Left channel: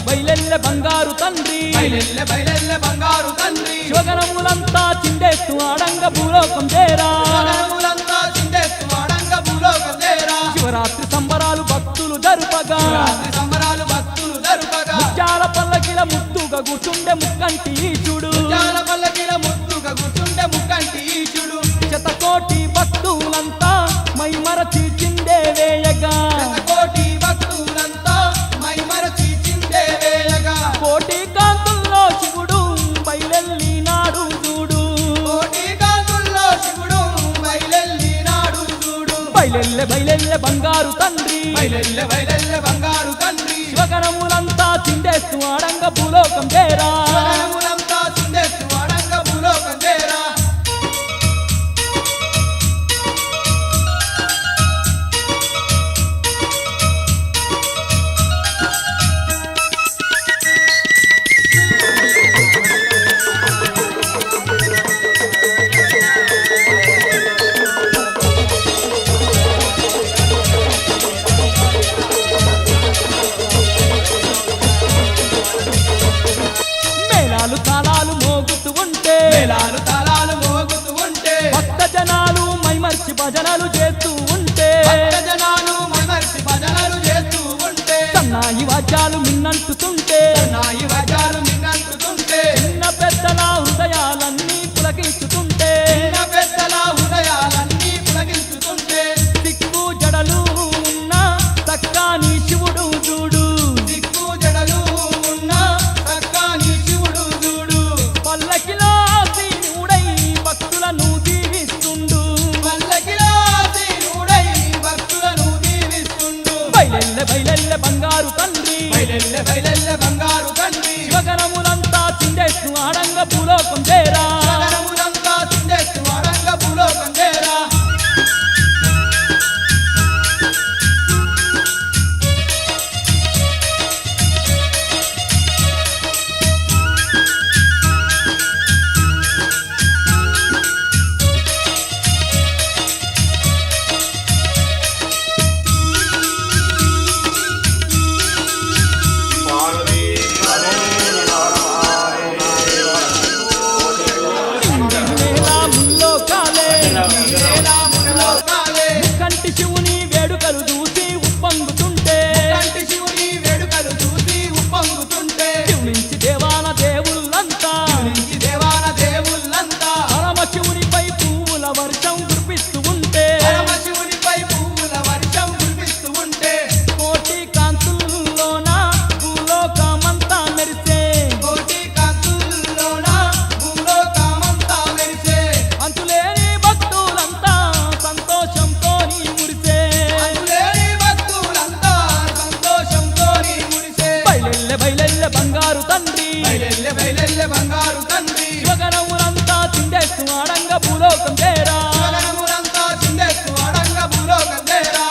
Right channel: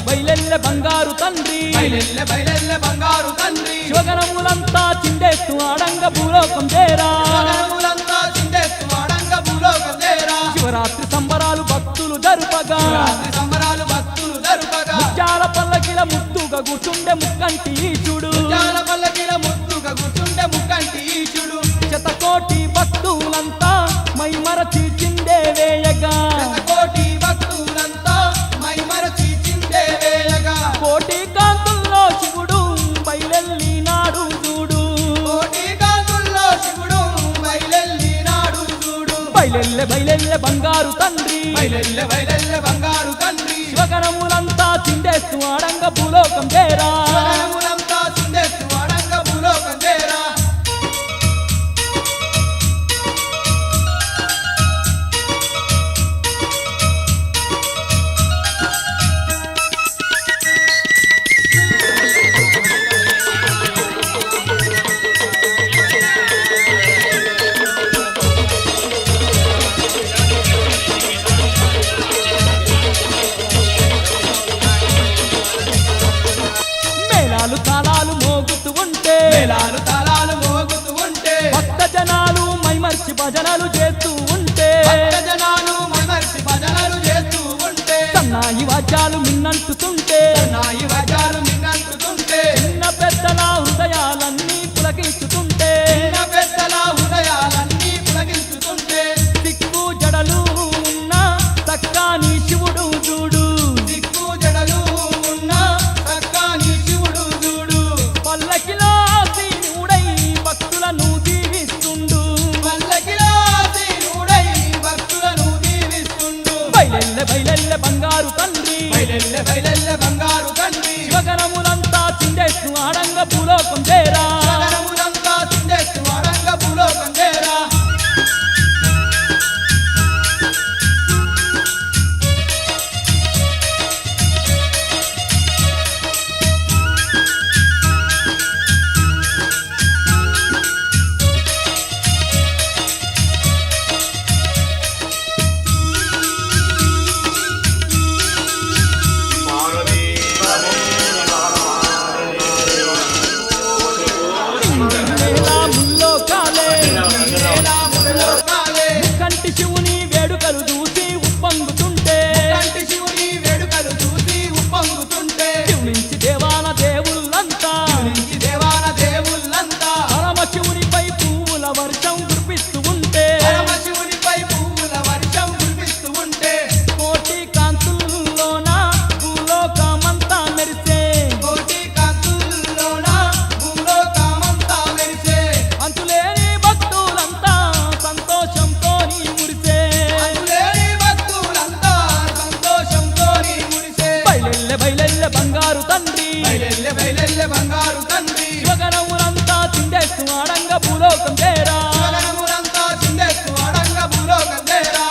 బయలెల్లె బంగారు తండ్రి బయలెల్లె బంగారు తండ్రి శివగణములంతా చిండేస్తూ ఆడంగ భూలోకం చేరా శివగణములంతా చిండేస్తూ ఆడంగ భూలోకం చేరా శివరాత్రి సంబరాలు భక్తులు జరుపగా శివరాత్రి సంబరాలు భక్తులు జరుపగా ముత్యాల పల్లకిల ముద్దుగా కూర్చుండే ముక్కంటి ఈశుడు ముత్యాల పల్లకిల ముద్దుగా కూర్చుండే ముక్కంటి ఈశుడు శతకోటి భక్తులంతా మైమరచి చిందే వేయగా కోటి భక్తులంతా మైమరచి చిందే వేయగా కోటి కాంతుల్లో శివుడు బయలెల్లినాడు చూడు కోటి కాంతుల్లో శివుడు బయలెల్లినాడు చూడు బయలెల్లె బంగారు తండ్రి బయలెల్లె బంగారు తండ్రి శివగణములంతా చిండేస్తూ ఆడంగ భూలోకం చేరా శివగణములంతా చిండేస్తూ ఆడంగ భూలోకం చేరా మేళాలు తాళాలు మోగుతూ ఉంటే మేళాలు తాళాలు మోగుతూ ఉంటే భక్త జనాలు మైమర్చి భజనలు చేస్తూ ఉంటే భక్త జనాలు మైమరిచి భజనలు చేస్తూ ఉంటే సన్నాయి వాద్యాలు మిన్నంటుతుంటే నాయి వజాలు మిన్నంటుతుంటే చిన్న పెద్దల హృదయాలన్నీ పులకించుతుంటే చిన్న పెద్దల హృదయాలన్నీ పులకించుతుంటే దిక్కు జడలు ఉన్న చక్కాని శివుడు చూడు దిక్కు జడలు ఉన్న చక్కని శివుడు చూడు పల్లకిలో సీనుడై భక్తులను దీవిస్తుండు పల్లకిలో సీనుడై భక్తులను దీవిస్తుండు బయలెల్లె బంగారు తండ్రి బయలెల్లె బంగారు తండ్రి శివగణములంతా చిండేస్తూ ఆడంగ భూలోకం చేరా శివగణములంతా చిండేస్తూ ఆడంగ భూలోకం చేరా నేలా ముల్లోకాలే శ్రీరాముల్లో కాలే కంటి శివుని వేడుకలు చూసి ఉప్పొంగుతుంటే కంటి శివుని వేడుకలు చూసి ఉప్పొంగుతుంటే శివునించి దేవాన దేవుళ్ళంతా నుంచి దేవాన దేవుళ్ళంతా పరమ శివునిపై పువ్వుల వర్షం కురిపిస్తూ ఉంటే పరమశివునిపై పువ్వుల వర్షం కురిపిస్తూ ఉంటే కోటి కాంతుల్లోన భూలోకమంతా మెరిసే కోటి కాంతుల్లోన భూలోకమంతా మెరిసే అంతులేని భక్తులంతా సంతోషంతో మురిసే అందులేని భక్తులంతా సంతోషంతో మురిసే బయలెల్లె బంగారు తండ్రి బయలెల్లె బంగారు తండ్రి శివగణములంతా చిండేస్తూ ఆడంగ భూలోకం చేరా శివగణములంతా చిండేస్తూ ఆడంగ భూలోకం చేరా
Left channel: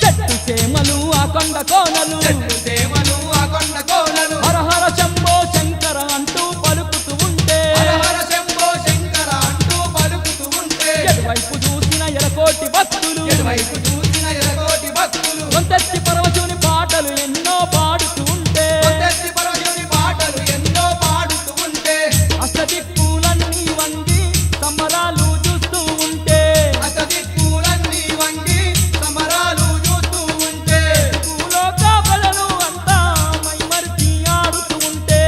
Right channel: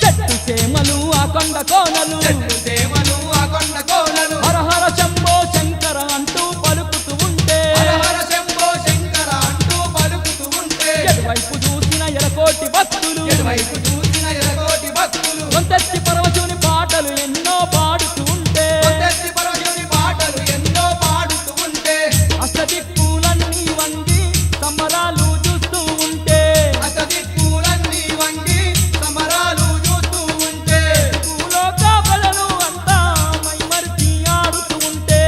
చెట్టు చేమలు ఆ కొండ కోనలు చెట్టు సేమలు ఆ కొండ కోనలు హరహర శంభో శంకర అంటూ పలుకుతూ ఉంటే హరహర శంభో శంకర అంటూ పలుకుతూ ఉంటే ఎటువైపు చూసిన ఎడకోటి భక్తులు ఎటువైపు చూసిన ఎరగోటి భక్తులు కొంతెత్తి పరవశుని పాటలు ఎన్నో పాడుతూ ఉంటే కొత్తెత్తి పరమశివుని పాటలు ఎన్నో పాడుతూ ఉంటే అష్టదిక్కులన్నీ వంగి సంబరాలు చూస్తూ ఉంటే అసదిక్కులన్నీ వంగి సమరాలు చూస్తూ ఉంటే భూలోక ప్రజలు అంతా మైమరిచి ఆడుతూ ఉంటే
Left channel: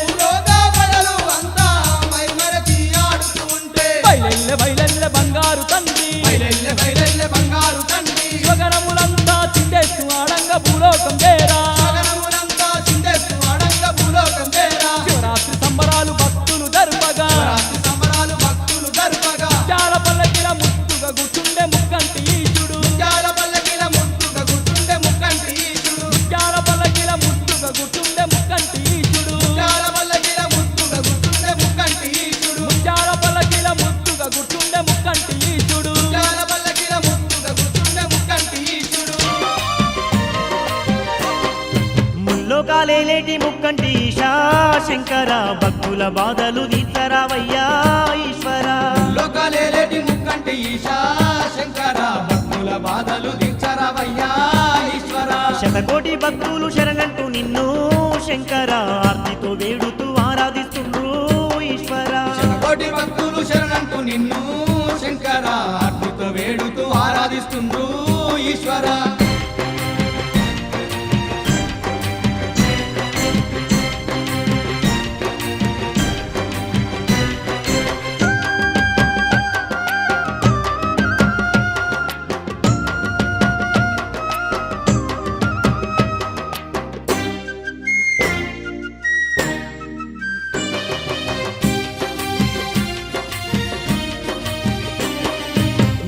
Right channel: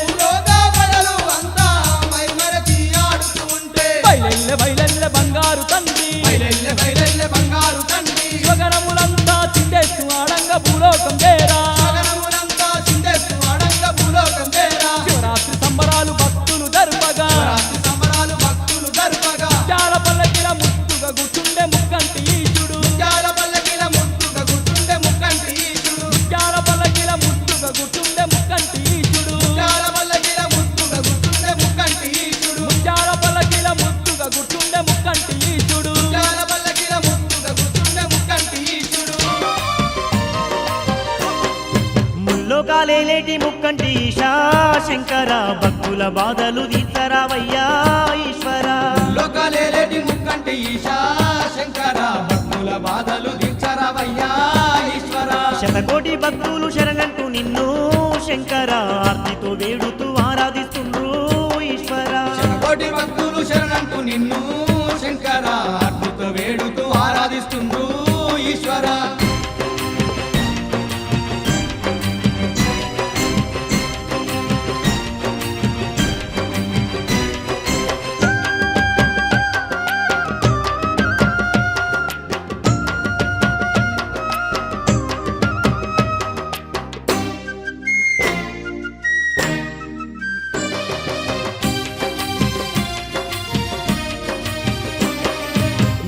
భూలోక ప్రజలు అంతా మైమరచి ఆడుతూ ఉంటే బయలెల్లె బంగారు తండ్రి బయలెల్లె బంగారు తండ్రి శివగణములంతా చిండేస్తూ ఆడంగ భూలోకం చేరా శివగణములంతా చిండేస్తూ ఆడంగ భూలోకం చేరా శివరాత్రి సంబరాలు భక్తులు జరుపగా రాత్రి సమరాలు భక్తులు జరుపగా చాలా పల్లకిల ముద్దుగా కూర్చుండే ముక్కంటి ఈశుడు జాల పల్లకిల ముద్దుగా గుర్తుండే ముక్కంటి ఈశుడు చాలా పల్లకిల ముద్దుగా కూర్చుండే ముక్కంటి ఈశుడు జాల పల్లకిల ముద్దుగా గుర్తుండే ముక్కంటి లోకాలేలేటి ముక్కంటి ఈశా శంకర భక్తుల బాధలు తీర్చరావయ్యా ఈశ్వర లోకాలేటి ముక్కంటి ఈశా శంకర భక్తుల బాధలు తీర్చరావయ్యా ఈశ్వర శతకోటి భక్తులు శరణంటూ నిన్ను శంకర ఆర్తితో వేడుతూ ఆరాధిస్తుండ్రు ఈశ్వర శతకోటి భక్తులు శరణంటూ నిన్ను శంకర ఆర్తితో వేడుతూ ఆరాధిస్తుండ్రు ఈశ్వర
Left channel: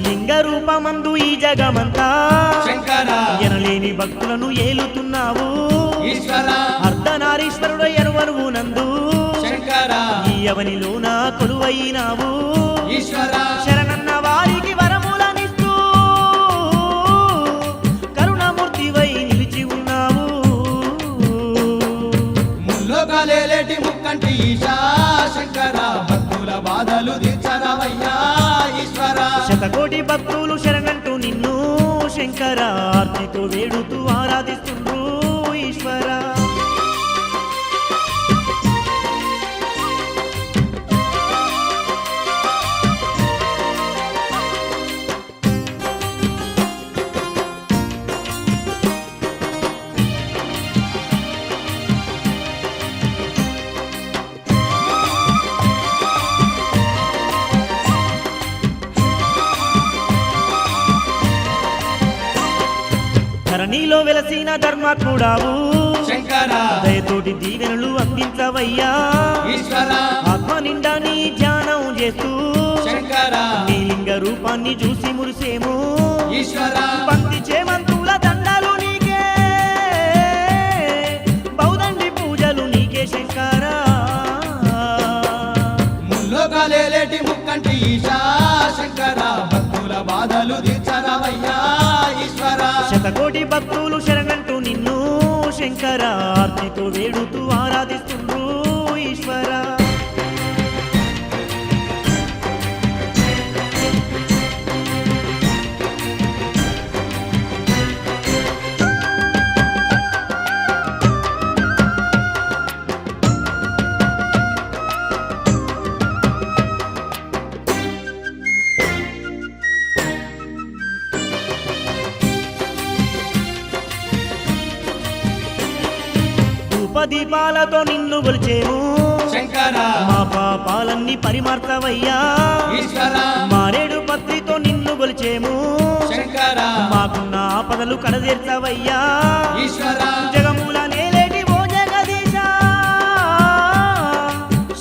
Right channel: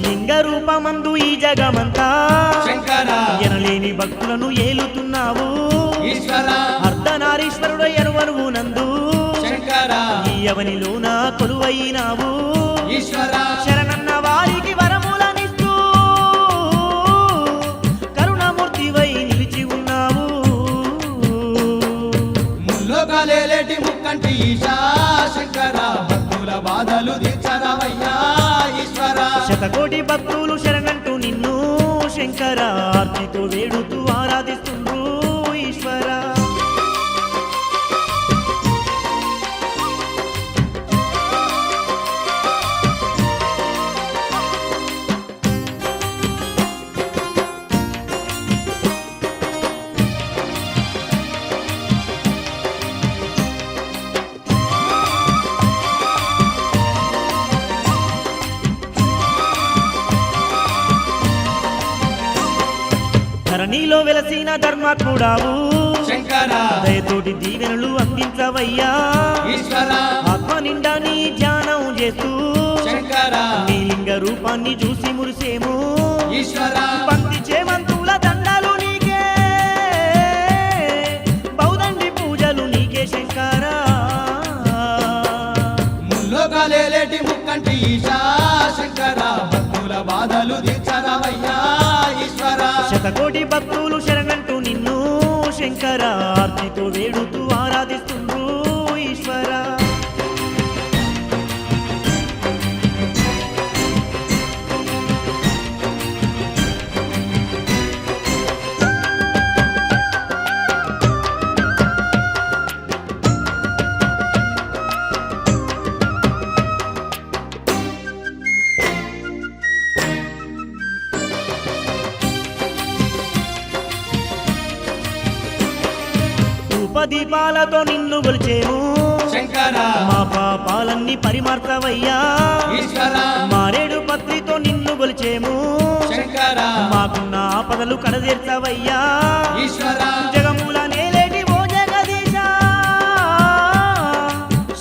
లింగ రూపమందు ఈ జగమంతా శంకర ఎనలేని భక్తులను ఏలుతున్నావు ఈశ్వర అర్ధనారీశ్వరుడు ఎరువనువు నందు శంకర ఈ అవనిలోన కొలువైనావు ఈశ్వర శరణన్న వారికి వరములనిస్తూ కరుణమూర్తివై నిలిచి ఉన్నావు ముల్లోకాలేటి ముక్కంటి ఈశా శంకర భక్తుల బాధలు తీర్చరావయ్యా ఈశ్వర శతకోటి భక్తులు శరణంటూ నిన్ను శంకర ఆర్తితో వేడుతూ ఆరాధిస్తుండ్రు ఈశ్వర ధరణిలో వెలసిన ధర్మాత్ముడావు శంకర దయతోటి దీవెనలు అందించవయ్యా ఈశ్వర ఆత్మ నిండా నీ ధ్యానం చేస్తూ శంకర నీ లింగ రూపాన్ని చూసి మురిసేము ఈశ్వర పంక్తి చేమంతుల దండాలు నీకే బౌదండి పూజలు నీకే శంకర ముల్లోకాలేటి ముక్కంటి ఈశా శంకర భక్తుల బాధలు తీర్చరావయ్యా ఈశ్వర శతకోటి భక్తులు శరణంటూ నిన్ను శంకర ఆర్తితో వేడుతూ ఆరాధిస్తుండ్రు ఈశ్వర దీపాలతో నిన్ను గొలిచేము శంకర మా పాపాలన్నీ పరిమార్చవయ్యా ఈశ్వర మారేడు పత్రితో నిన్ను గొలిచేము శంకర మాకున్న ఆపదలు కడదీర్చవయ్యా ఈశ్వర జగముల నేలేటి ఓ జగదీశ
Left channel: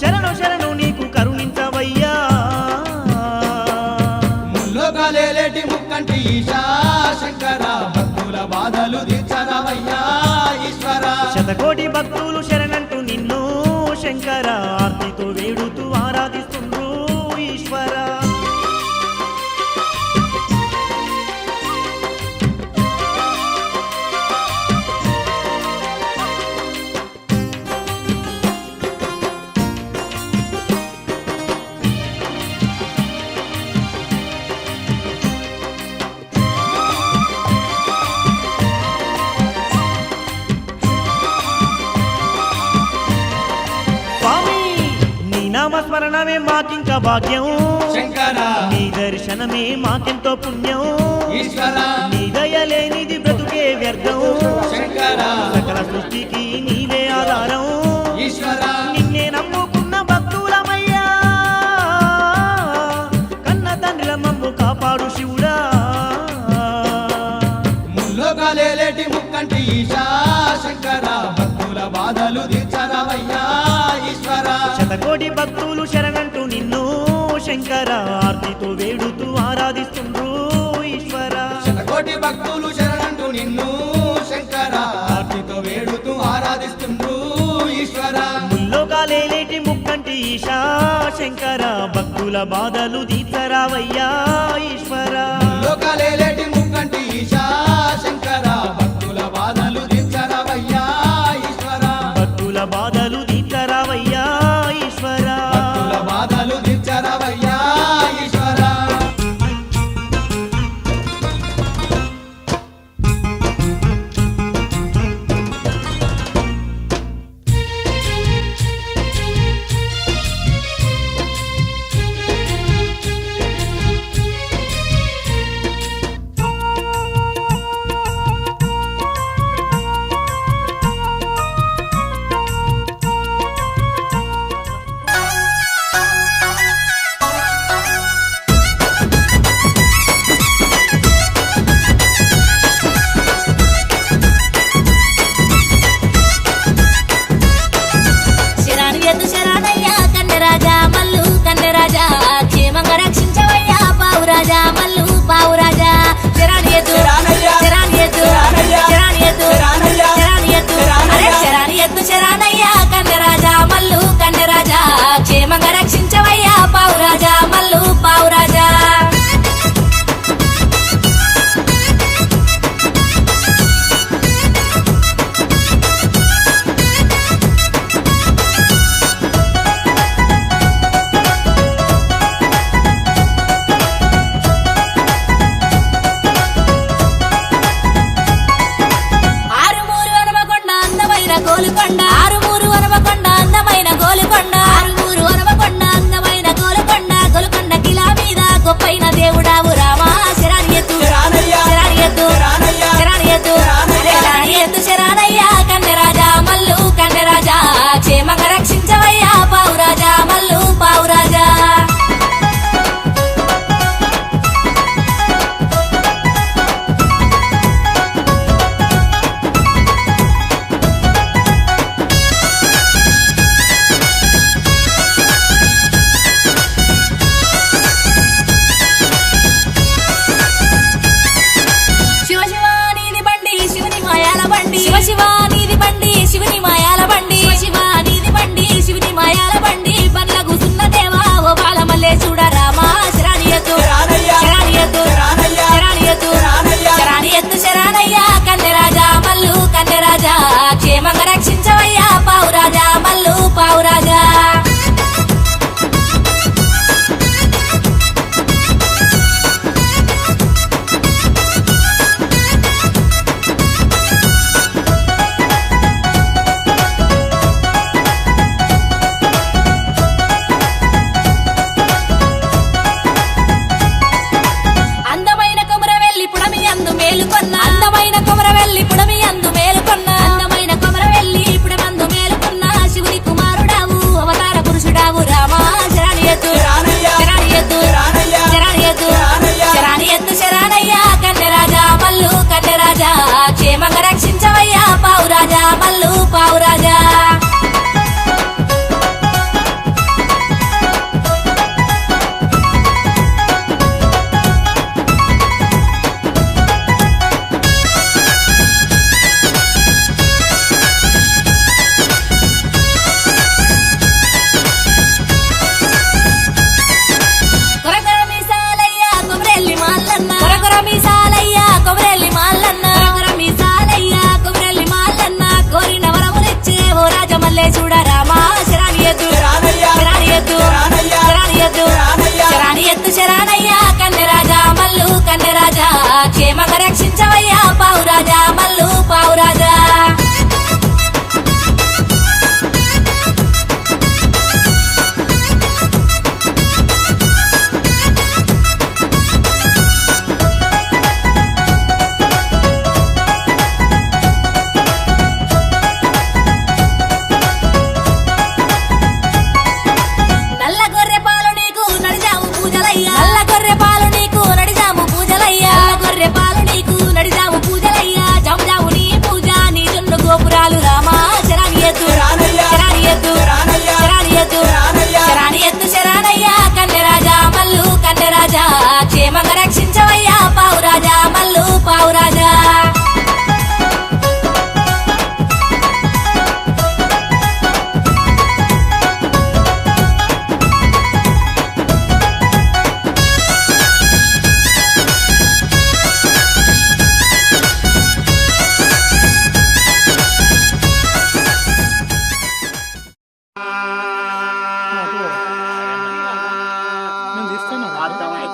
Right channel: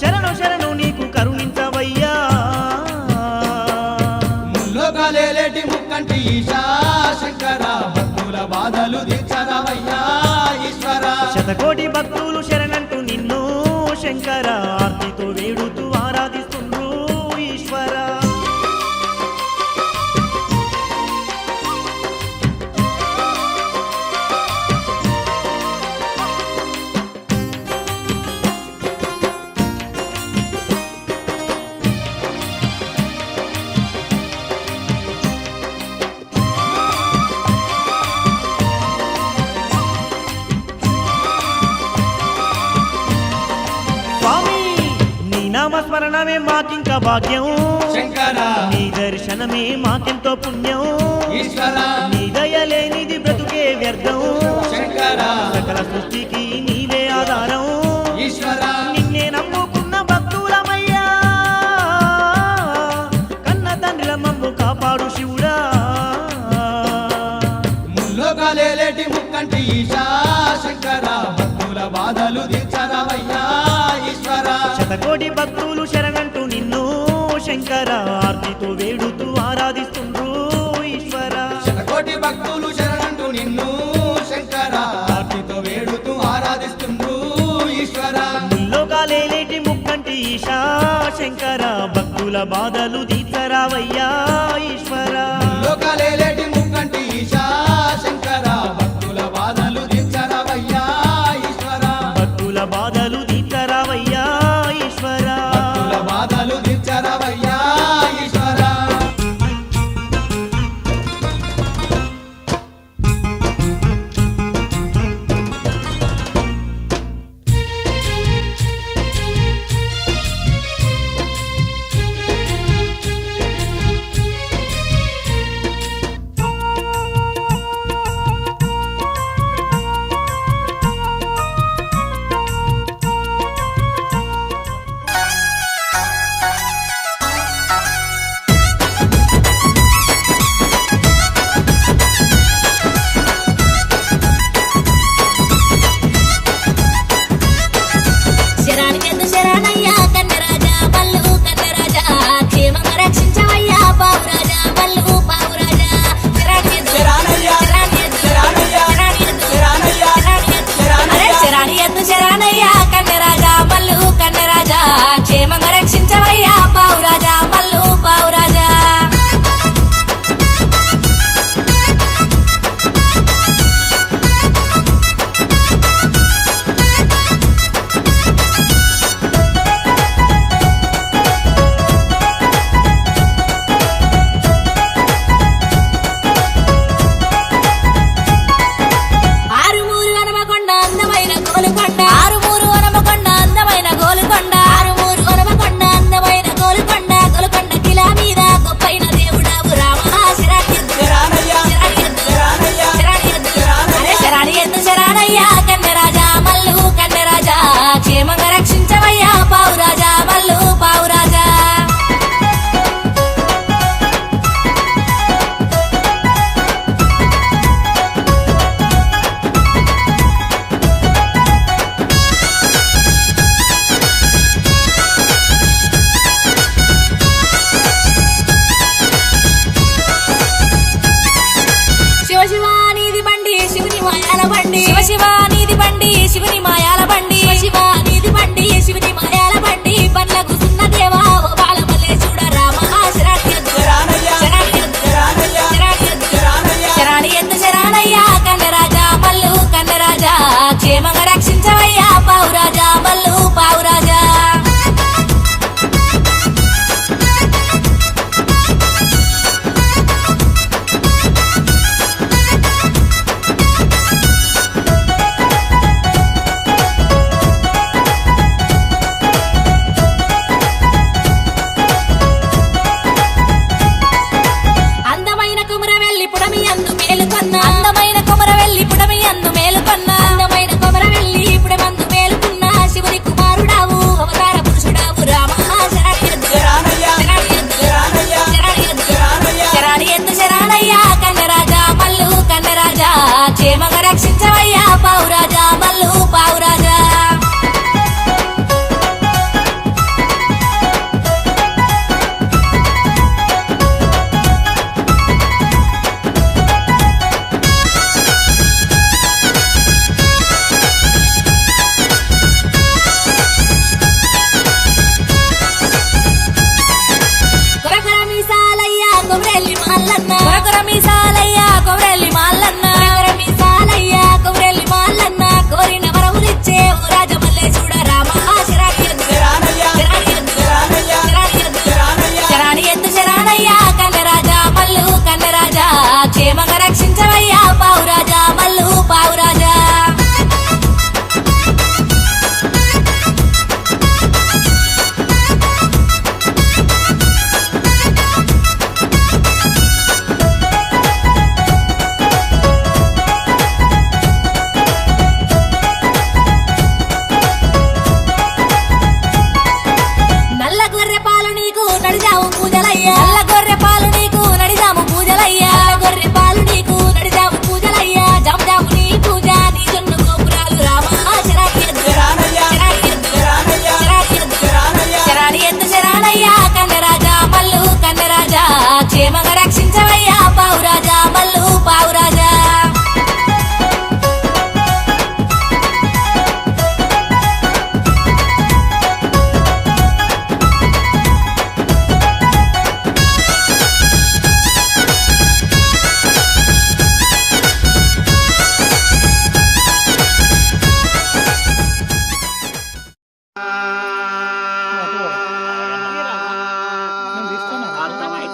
శరణు శరణు నీకు కరుణించవయ్యా ముల్లోకాలేటి ముక్కంటి ఈశా శంకర భక్తుల బాధలు తీర్చరావయ్యా ఈశ్వర శతకోటి భక్తులు శరణంటూ నిన్ను శంకర ఆర్తితో వేడుతూ ఆరాధిస్తుండ్రు ఈశ్వర నామస్మరణమే మాకింక భాగ్యం శంకర నీ దర్శనమే మాకెంతో పుణ్యం ఈశ్వర నీ దయలేనిది బ్రతుకే వ్యర్థం శంకర సకల సృష్టికి నీవే ఆధారం ఈశ్వర నిన్నే నమ్ముకున్న భక్తులమయ్యా కన్న తండ్రిల మమ్ము కాపాడు శివుడా ముల్లోకాలేటి ముక్కంటి ఈశా శంకర భక్తుల బాధలు తీర్చరావయ్యా ఈశ్వర శతకోటి భక్తులు శరణంటూ నిన్ను శంకర ఆర్తితో వేడుతూ ఆరాధిస్తుండ్రు ఈశ్వర శతకోటి భక్తులు శరణంటూ నిన్ను శంకర ఆర్తితో వేడుతూ ఆరాధిస్తుండ్రు ఈశ్వర ముల్లోకాలేటి ముక్కంటి ఈశా శంకర భక్తుల బాధలు తీర్చరావయ్యా ఈశ్వర లోకాలేటి ముక్కంటి ఈశా శంకర భక్తుల బాధలు తీర్చరావయ్యా ఈశ్వర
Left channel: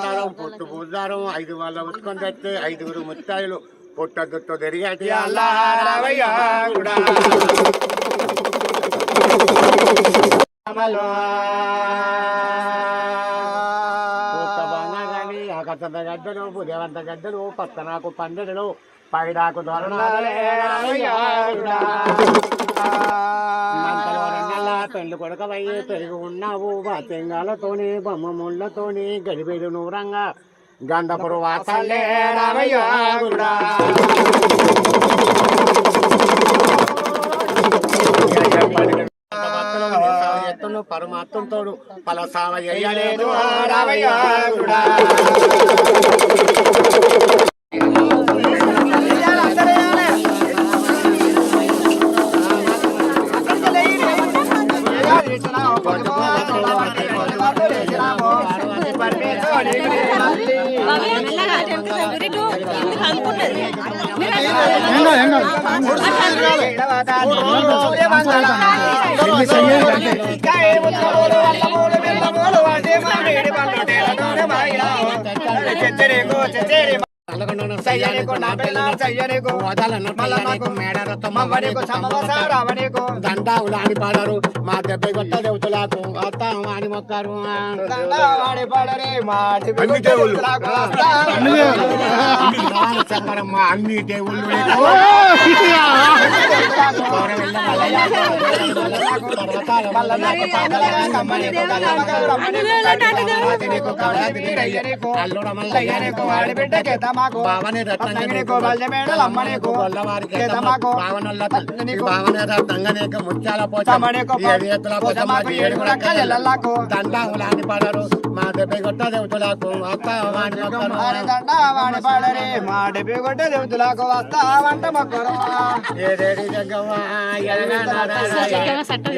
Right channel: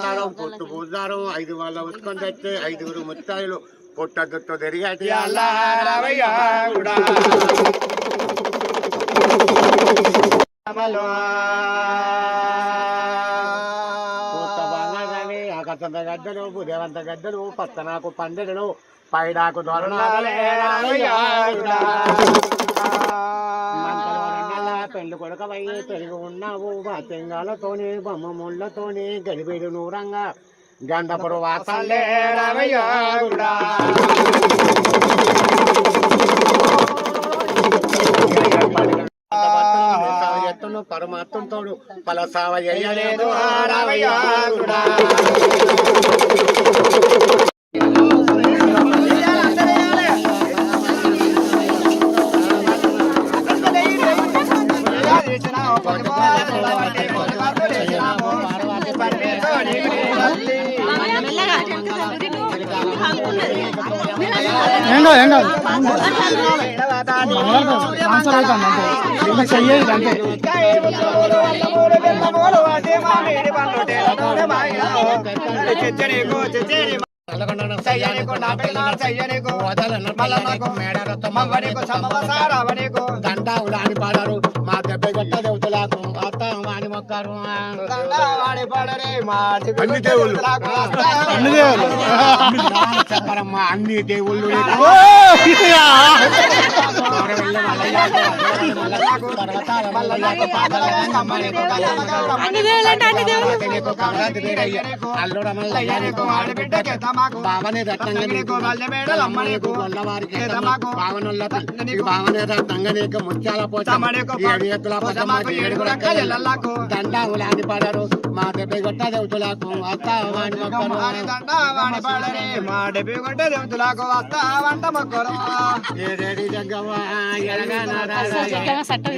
బండారం పొట్టు బుద్ధారం 5 వాళ్ళ ఉత్కొని తెస్తే 5గురు ముత్తాయిలు పొట్ట దుట్టు తిరిగేటి అల్లారవయ్యా కూడా ఆకర్షంత గద్దలు ఉదయవంత గద్దలు పక్కనాకు పందిరులు పైడాకు పెళ్లి కొడకవయ్యి పెరిగి ఉన్నావు బాత్యంగాలతోని బొమ్మ ముళ్ళతోని గడిబిడి నూరంగా గంధపురు వాసాలే రామయ్యా ఎత్తును పరమాత్మతోడు పలసావ చేయలేదు రామయ్యా దండావులాని పాడారు మా దెబ్బ కొట్ట దేవతలకు అని మొక్కారు చెప్పరమ్మా అన్ని దేవుళ్ళు భావనే రత్నంగా నీకు అమ్మనేకు గొల్లవారికి భావనల్ల భావనే రత్నంగా నీకు ముత్యాల పోచమ్మ 7 ఎత్తుల పోచమ్మ 7 దండావులాని పడరు మా దెబ్బ కొట్ట దేవతలకు వస్తావని మొక్కరు ఏడేడి జగ్గవ్వ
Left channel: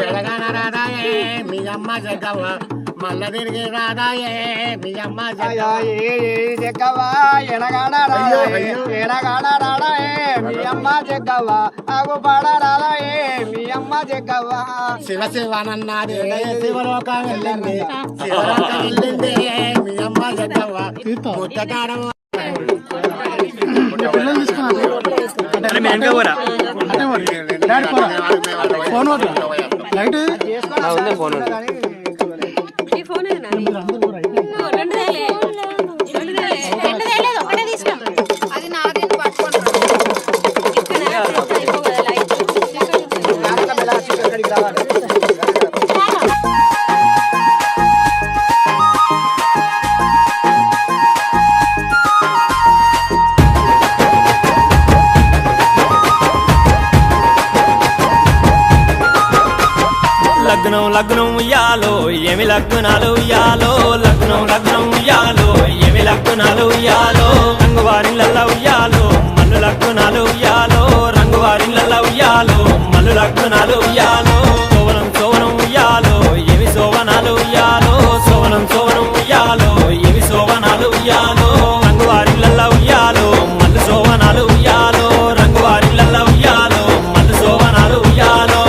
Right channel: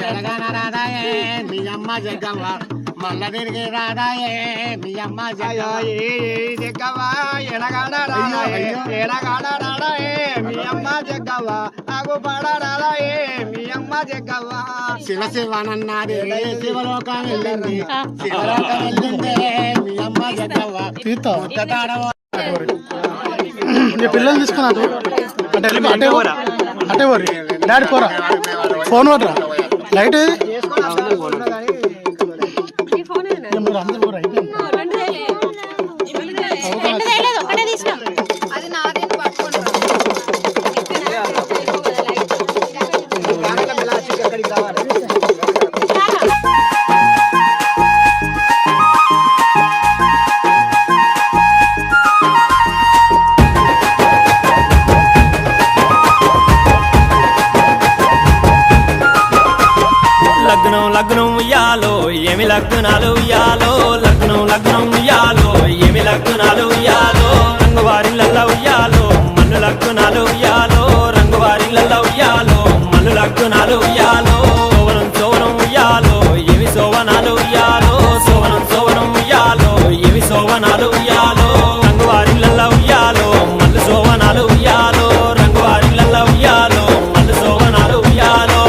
ఎడగానారాదాయే మీ అమ్మ జగ్గవ్వ మల్ల తిరిగి రాదాయే మీ అమ్మ జగ్గవ్వ ఎడగానారాడాయే మీ అమ్మ జగ్గవ్వ ఆగు పాడారాయే మీ అమ్మ జగ్గవ్వ శివ శివనన్నది శివలోకం వెళ్ళింది శివలోకం వెళ్ళింది మీ అమ్మ జగ్గవ్వ ముచ్చటాడవ పిల్లలు తీసుకున్నారు డాడీ ఫోన్ లైట్ లగ్నం లగ్నం ఉయ్యాలో ఏమి లగ్నాలు ఉయ్యాలో లగ్నం లగ్నం ఉయ్యాలో ఏమి లగ్నాలు ఉయ్యాలో రంగువారిళ్ళ ఉయ్యాలో మల్లు లగ్నాలు ఉయ్యాలో రంగువారిళ్ళ ఉయ్యాలో మల్లు లగ్నాలు ఉయ్యాలో సోవనం సోవనం ఉయ్యాలో ఏమి సోవనాలు ఉయ్యాలో సోవనం సోవనం ఉయ్యాలో ఏమి సోవనాలు ఉయ్యాలో రంగువారిళ్ళ ఉయ్యాలో మల్లు సోవనాలు ఉయ్యాలో రంగువారిళ్ళ ఉయ్యాలో మల్లు సోవనాలు ఉయ్యాలో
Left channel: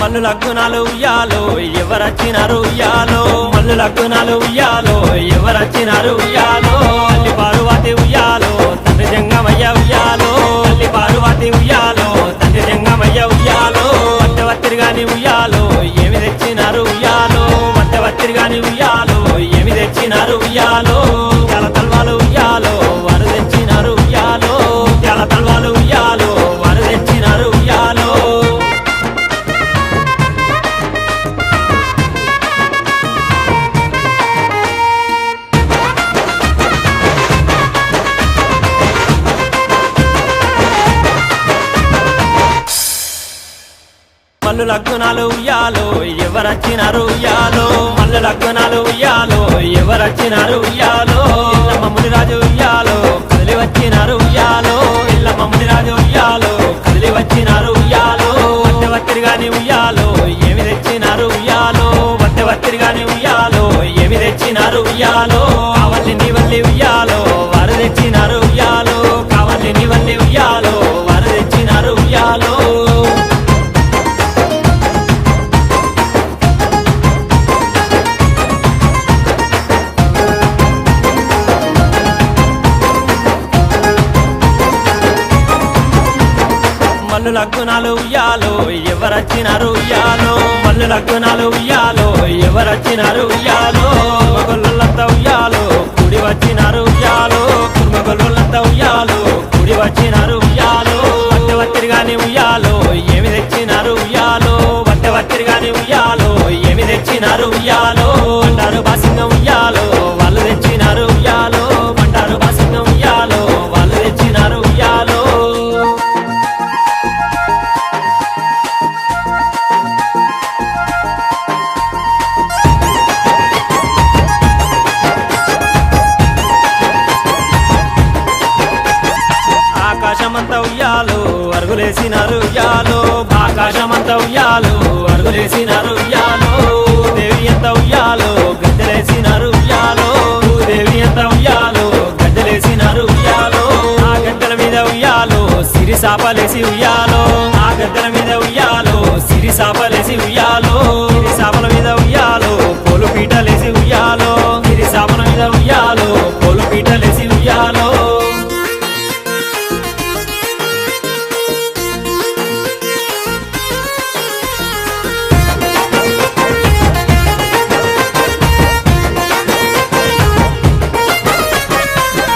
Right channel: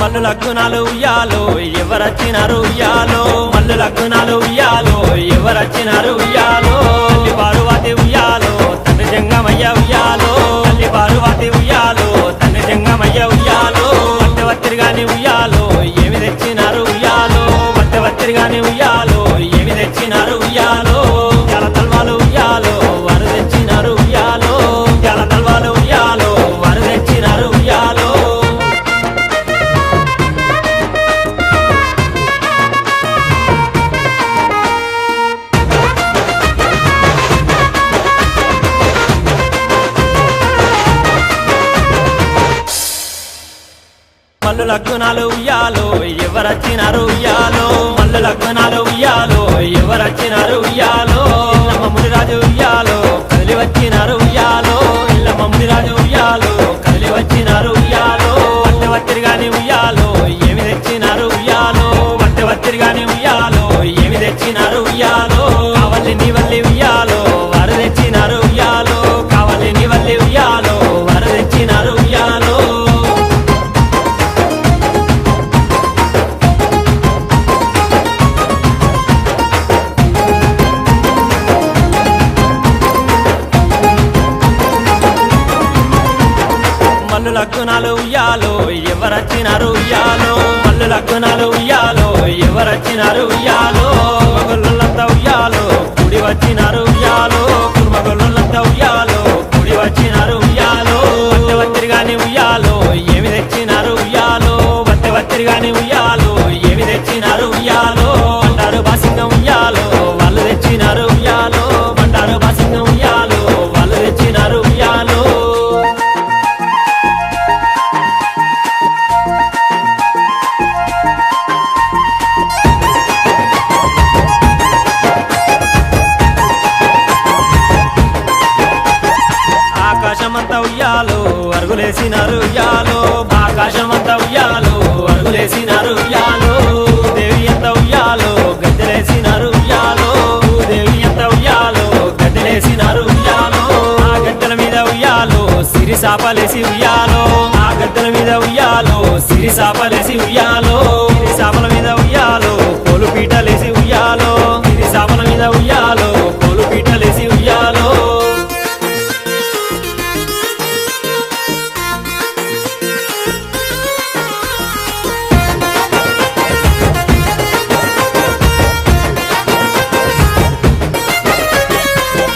మల్లు లగ్నాలు ఉయ్యాలో ఎవరచ్చినారు ఉయ్యాలో మల్లు లగ్నాలు ఉయ్యాలో ఎవరచ్చినారు ఉయ్యాలో తల్లి పార్వతి ఉయ్యాలో తండ్రి జంగమయ్య ఉయ్యాలో తల్లి పార్వతి ఉయ్యాలో తండ్రి జంగమయ్య ఉయ్యాలో వత్తెవత్తిరిగాని ఉయ్యాలో ఏమి తెచ్చినారు ఉయ్యాలో వత్తెవత్తిరిగాని ఉయ్యాలో ఏమి తెచ్చినారు ఉయ్యాలో చాలా తల్వాలు ఉయ్యాలో వారు తెచ్చినారు ఉయ్యాలో చాలా తల్వాలు ఉయ్యాలో వారు తెచ్చినారు ఉయ్యాలో మల్లు లగ్నాలు ఉయ్యాలో ఎవరచ్చినారు ఉయ్యాలో మల్లు లగ్నాలు ఉయ్యాలో ఎవరచ్చినారు ఉయ్యాలో ఇల్లమ్మ మునిరాజు ఉయ్యాలో కదిలి వచ్చినారు ఉయ్యాలో ఇల్లమ్మ మునిరాజు ఉయ్యాలో కదిలి వచ్చినారు ఉయ్యాలో వత్తెవత్తిరిగాని ఉయ్యాలో ఏమి తెచ్చినారు ఉయ్యాలో వత్తెవత్తిరిగాని ఉయ్యాలో ఏమి తెచ్చినారు ఉయ్యాలో కావల్లి నీ వల్లి ఉయ్యాలో తెచ్చినారు ఉయ్యాలో కావాలని వల్లి ఉయ్యాలో వారు తెచ్చినారు ఉయ్యాలో మల్లు లగ్గునాలు ఉయ్యాలో ఎవరొచ్చినారు ఉయ్యాలో మల్లు లగ్గునాలు ఉయ్యాలో ఎవరొచ్చినారు ఉయ్యాలో కుర్మగొల్లులంతా ఉయ్యాలో కూడి వచ్చినారు ఉయ్యాలో కుర్మగొల్లులంతా ఉయ్యాలో కూడి వచ్చినారు ఉయ్యాలో వత్తెవత్తిరిగాని ఉయ్యాలో ఏమి తెచ్చినారు ఉయ్యాలో వత్తెవత్తిరిగాని ఉయ్యాలో ఏమి తెచ్చినారు ఉయ్యాలో బండారు బాసింగం ఉయ్యాలో వాళ్ళు తెచ్చినారు ఉయ్యాలో బండారు బాసింగం ఉయ్యాలో వాళ్ళు తెచ్చినారు ఉయ్యాలో ఆకాశమంతా ఉయ్యాలో అరుగులేసినారు ఉయ్యాలో ఆకాశమంతా ఉయ్యాలో అరుగులేసినారు ఉయ్యాలో దేవి ఎంత ఉయ్యాలో గద్దెలేసినారు ఉయ్యాలో దేవి ఎంత ఉయ్యాలో గద్దెలేసినారు ఉయ్యాలో ఆ గద్దెల మీద ఉయ్యాలో సిరి సాపలేసి ఉయ్యాలో ఆ గద్దెల మీద ఉయ్యాలో సిరి సాపలేసి ఉయ్యాలో సిరి సాపల మీద ఉయ్యాలో పోలు పీటలేసి ఉయ్యాలో సిరి సాపల మీద ఉయ్యాలో పోలు పీటలేసి ఉయ్యాలో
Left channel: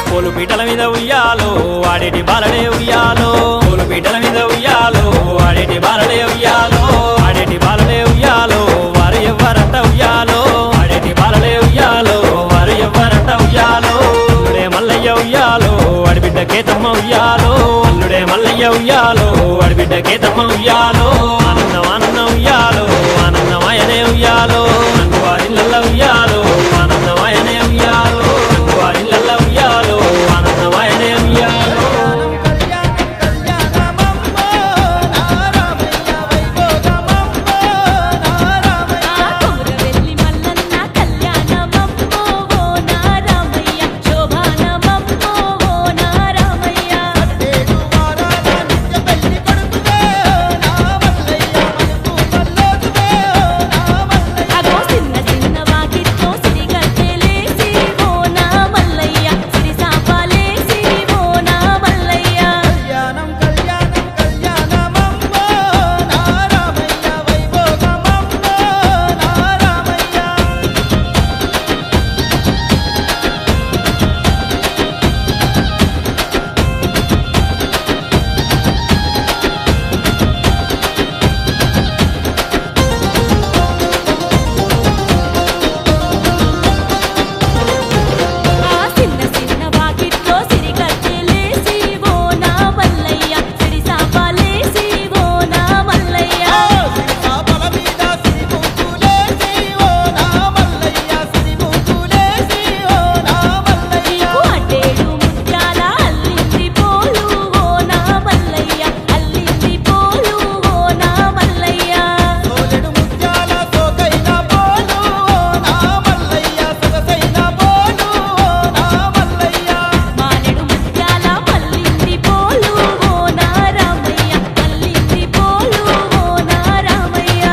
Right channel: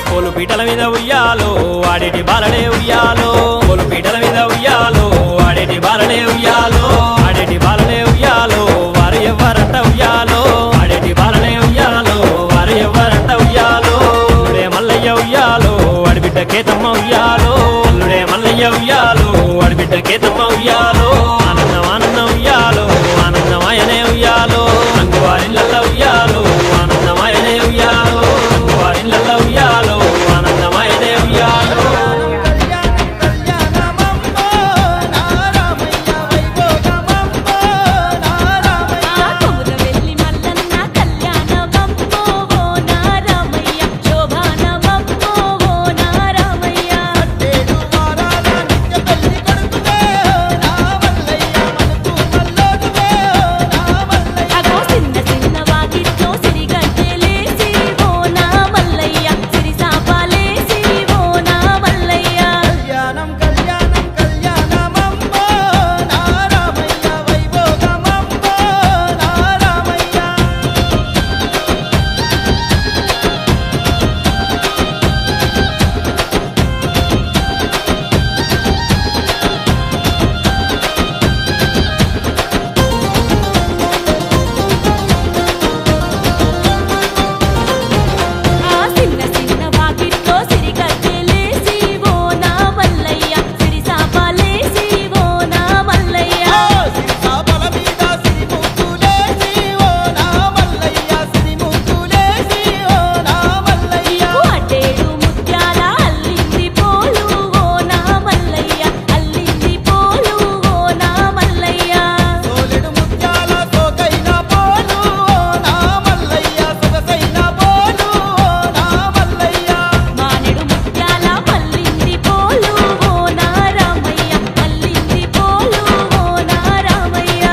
పోలు పీటల మీద ఉయ్యాలో ఆడేటి బాలడే ఉయ్యాలో పోలు పీటల మీద ఉయ్యాలో ఆడేటి బాలడే ఉయ్యాలో ఆడేటి బాలడే ఉయ్యాలో వారు ఎవ్వరంట ఉయ్యాలో ఆడేటి బాలడే ఉయ్యాలో వారు ఎవ్వరంట ఉయ్యాలో అల్లుడే మల్లయ్య ఉయ్యాలో అడిబిడ్డ కేతమ్మ ఉయ్యాలో అల్లుడే మల్లయ్య ఉయ్యాలో అడిబిడ్డ కేతమ్మ ఉయ్యాలో ఆనందం ఆనందం ఉయ్యాలో ఆనందమయనే ఉయ్యాలో నంగువారిళ్ళ ఉయ్యాలో